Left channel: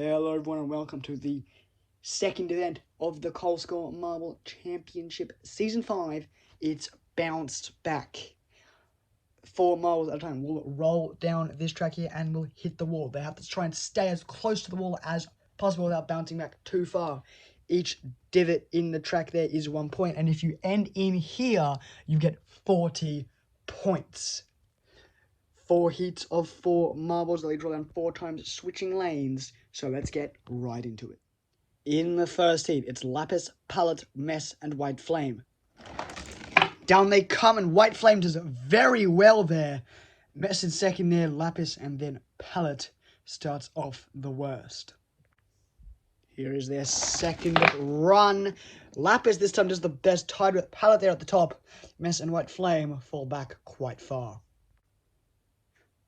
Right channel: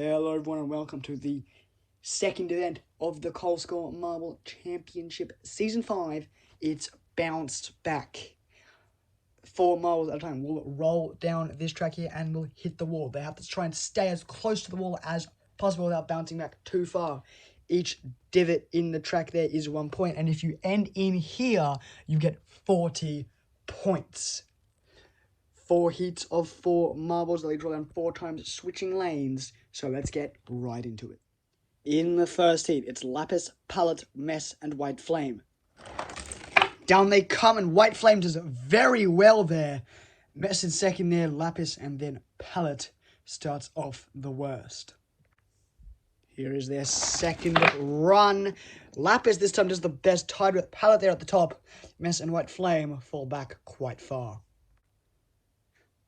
Hello everyone and welcome to the second event of the Kolskor Marble Championship Season 5. It's bounced back. 4 marbles at a time. We'll roll down this track here and we'll hit the wall. They have to try and stay as close to the wall as possible without bouncing back too far. Each divot in the track there is 1 point, and if you end in here, you get 40 points. 4 heats of 4 marbles. They draw down 4 times, switching lanes. So let's get right into it. In the first heat, it's Lapis, Palette, Mess, and White Flame. Down they come, and White Flame does very well there. Mess in second there, Lapis, and then Palette starts off the worst. Here is their second run. Lapis this time does the best, tied with Palette there at the top. Mess and White Flame fall back quite far.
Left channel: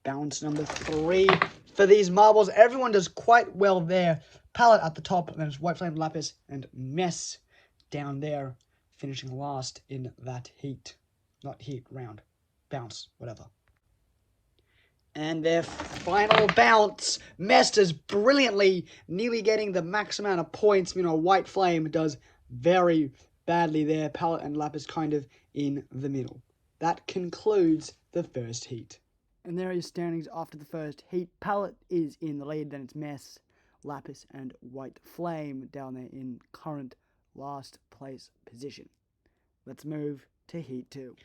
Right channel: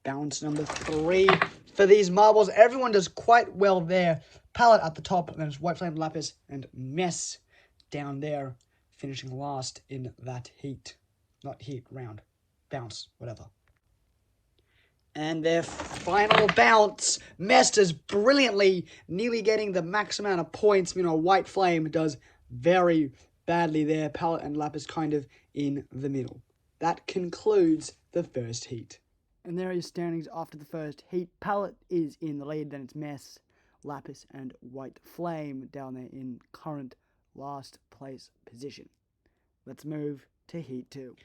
Bounce number 3 for these marbles. Everyone does quite well there. Palette at the top, then it's White Flame, Lapis, and Mess down there, finishing last in that heat. Not heat, round. Bounce, whatever. And their final bounce, Mess does brilliantly, nearly getting the max amount of points. White Flame does very badly there. Palette and Lapis kind of in the middle. That concludes the first heat. And there are your standings after the first heat. Palette is in the lead, then it's Mess, Lapis, and White Flame down there in current last place position. Let's move to heat 2.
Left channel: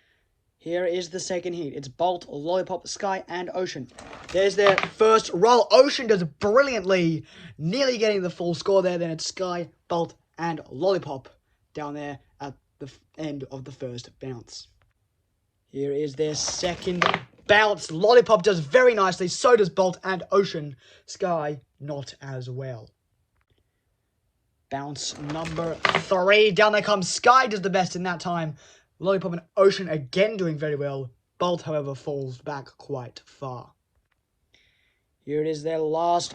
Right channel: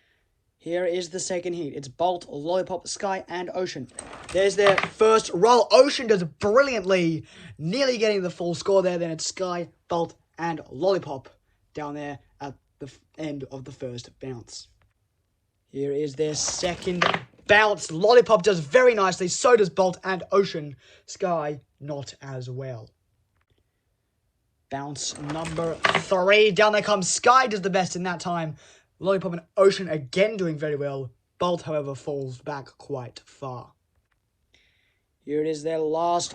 Here is the second heat. It's Bolt, Lollipop, Sky, and Ocean. There's their first roll. Ocean does brilliantly, nearly getting the full score there. Then it's Sky, Bolt, and Lollipop down there at the end of the first bounce. Here is their second bounce. Lollipop does very nicely. So does Bolt and Ocean. Sky, not as well. Bounce number 3. Down they come. Sky does the best in that time. Lollipop and Ocean again doing very well. Bolt, however, falls back quite far. Here it is, their last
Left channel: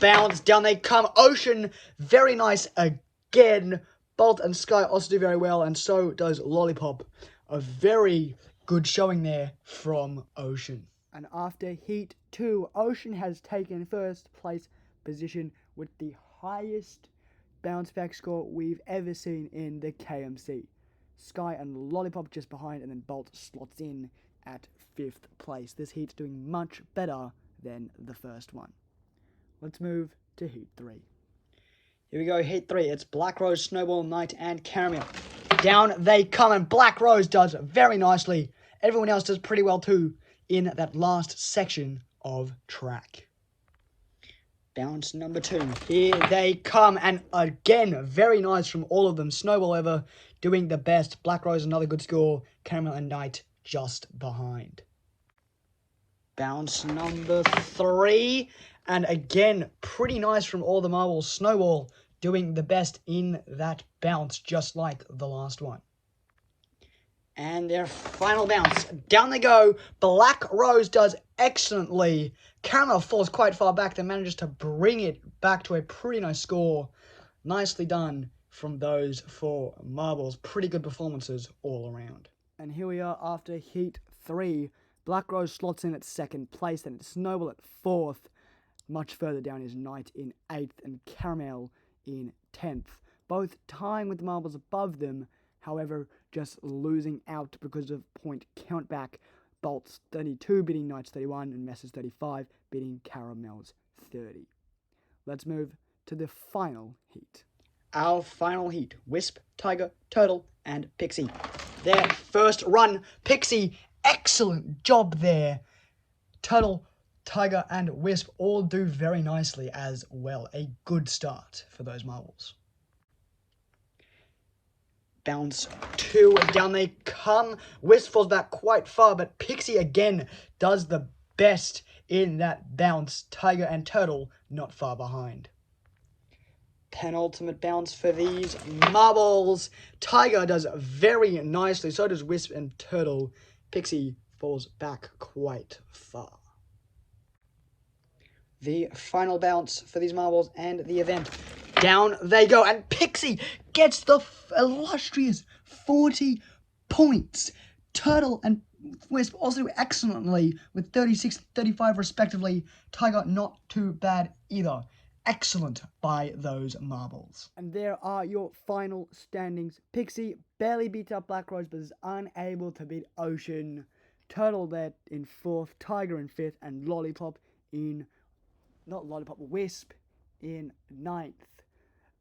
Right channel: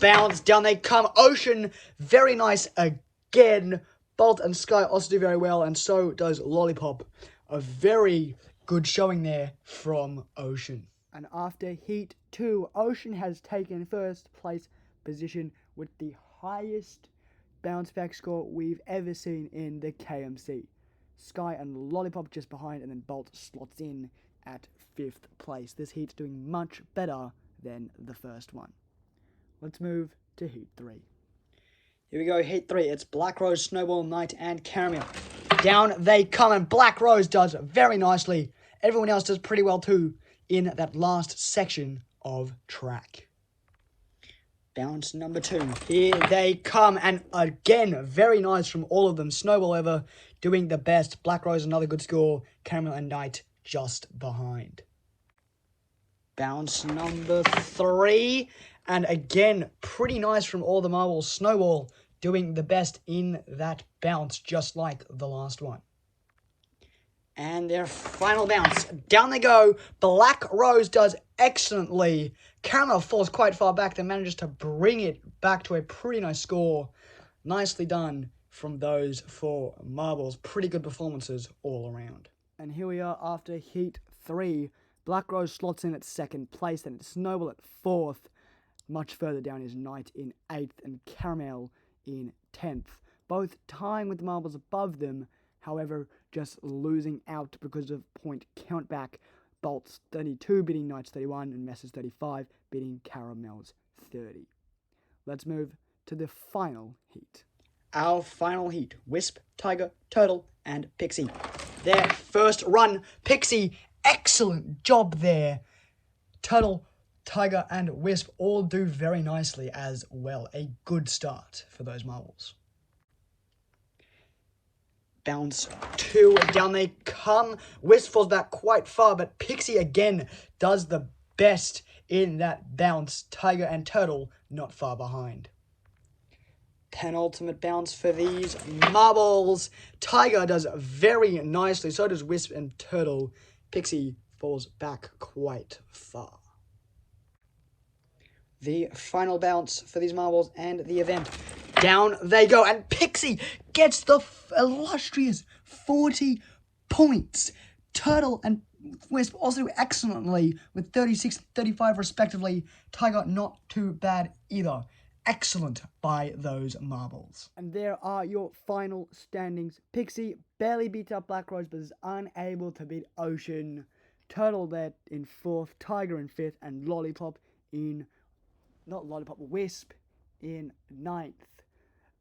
bounce. Down they come. Ocean, very nice again. Bolt and Sky also do very well, and so does Lollipop. A very good showing there from Ocean. And after heat 2, Ocean has taken first place position with the highest bounce back score we've ever seen in the KMC. Sky and Lollipop just behind, and then Bolt slots in at 5th place. This heat's doing much better than the first one. Let's move to heat 3. Here we go, heat 3. It's Black Rose, Snowball, Knight, and Caramel. Down they come, and Black Rose does very nicely. Everyone else does pretty well too in that last section of track. Bounce number 2. Here they come, and again, very nice from all of them. Snowball ever doing the best. Black Rose, another good score. Caramel and Knight just behind. Bounce number 3. And again, pretty nice from all the marbles. Snowball doing the best in that bounce, just like the last one. And their final bounce. Down they go. Black Rose does excellently. Caramel falls quite far back, then manages to bring it back to a pretty nice score. Nicely done from those 4 marbles. Pretty good performances all around. And here we are after heat 3. Black Rose slots in at 2nd place, then it's Snowball at 4th. Much further down is Knight in 8th and Caramel in 10th. Both tying with the marbles above them, however, just losing out because of point countback. Bolt's 32 beating Knight's 31 and Mess's 35 beating Caramel's 30. Let's move to the final heat. Our final heat, Wisp, Tiger, Turtle, and Pixie. Their first run, Pixie, excellent job there. Turtle, Tiger, and Wisp all do very nicely as well. A good start for those marbles. Bounce 2, down they come. Wisp falls back quite far, but Pixie again does the best in that bounce. Tiger and Turtle not far behind. Penultimate bounce for these marbles. Tiger does very nicely, so does Wisp and Turtle. Pixie falls back quite far. The final bounce for these marbles and the event. Down they go, and Pixie gets the illustrious 40 points. Turtle and Wisp also excellently with 36, 35 respectively. Tiger not too bad either. excellent by those marbles. And there are your final standings. Pixie barely beats up Black Rose, but is unable to beat Ocean. Turtle there in 4th, Tiger in 5th, and Lollipop in, not Lollipop, Wisp in 9th.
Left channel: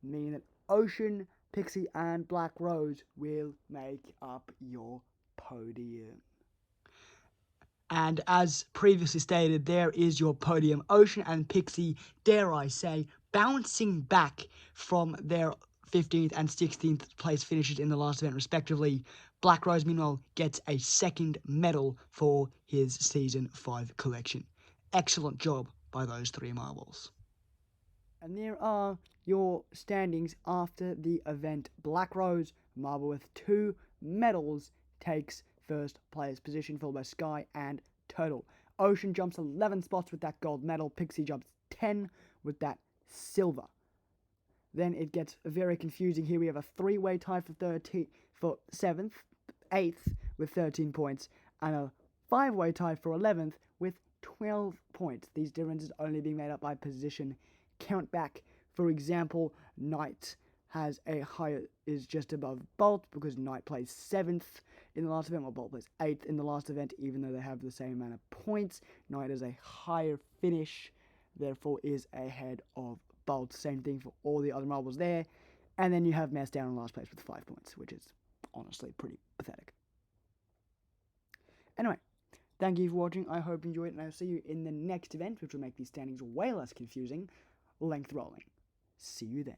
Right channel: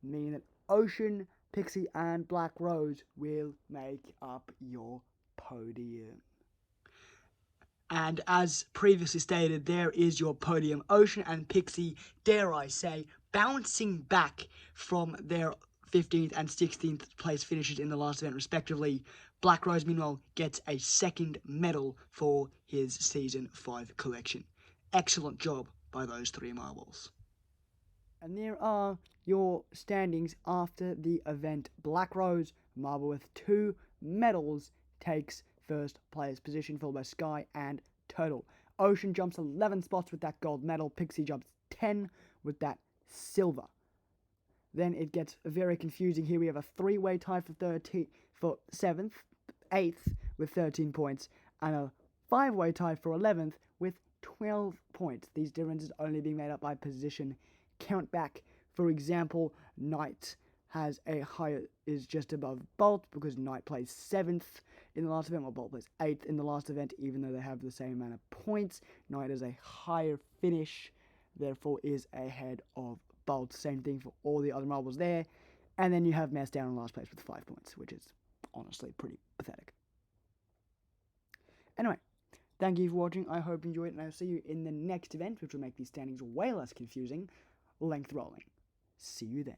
Meaning that Ocean, Pixie, and Black Rose will make up your podium. And as previously stated, there is your podium. Ocean and Pixie, dare I say, bouncing back from their 15th and 16th place finishes in the last event, respectively. Black Rose, meanwhile, gets a 2nd medal for his Season 5 collection. Excellent job by those 3 marbles. And there are your standings after the event. Black Rose, marble with 2 medals, takes 1st place position, followed by Sky and Turtle. Ocean jumps 11 spots with that gold medal. Pixie jumps 10 with that silver. Then it gets very confusing. Here we have a 3-way tie for 7th, 8th with 13 points, and a 5-way tie for 11th with 12 points. These differences only being made up by position count back. For example, Knight has a higher, is just above Bolt because Knight plays 7th in the last event, while Bolt plays 8th in the last event, even though they have the same amount of points. Knight has a higher finish, therefore is ahead of Bolt. Same thing for all the other marbles there. And then you have Mess down in last place with 5 points, which is honestly pretty pathetic. Anyway, thank you for watching. I hope you enjoyed it, and I'll see you in the next event, which will make these standings way less confusing. Length rolling. See you then.